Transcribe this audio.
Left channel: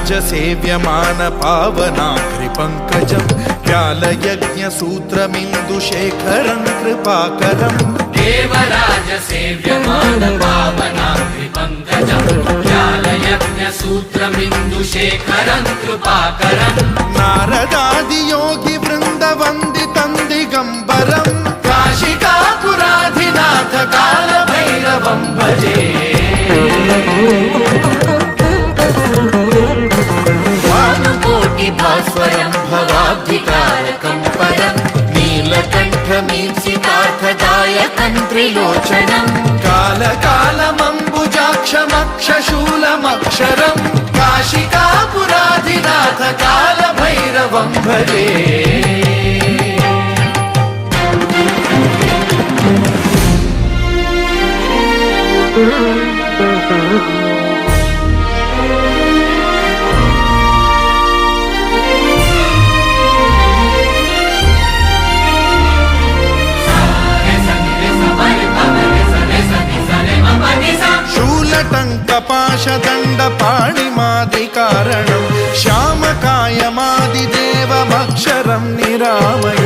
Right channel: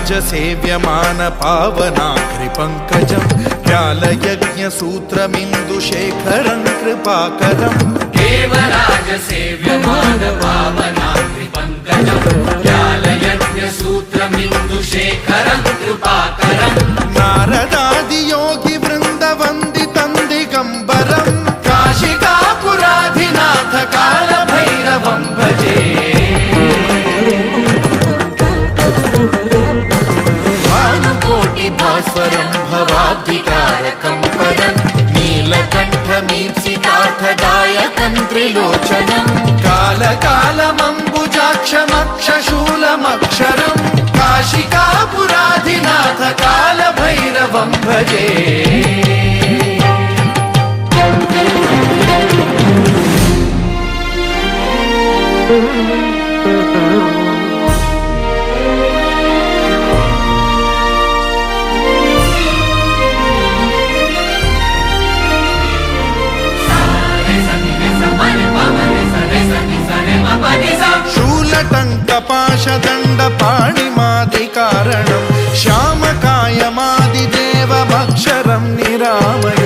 देवराजसेव्यमान पावनाग्रिपङ्कजं व्यालयज्ञसूत्रमिन्दुशेखरं कृपाकरं देवराजसेव्यमान पावनाग्रिपङ्कजं व्यालयज्ञसूत्रमिन्दुशेखरं कृपाकरं नारदादियोगिवृन्दवन्दितं दिगम्बरं काशिकापुराधिनाथ कालभैरवं भजे भास्वरं भवाब्धितारकं परं नीलकण्ठमीप्सितार्थदायकं त्रिलोचनं कालकालमम्बुजाक्षमक्षशूलमक्षरं काशिकापुराधिनाथ कालभैरवं भजे शूलटङ्कपाशदण्डपाणिमादिकारणं श्यामकायमादिदेवमक्षरं निरामय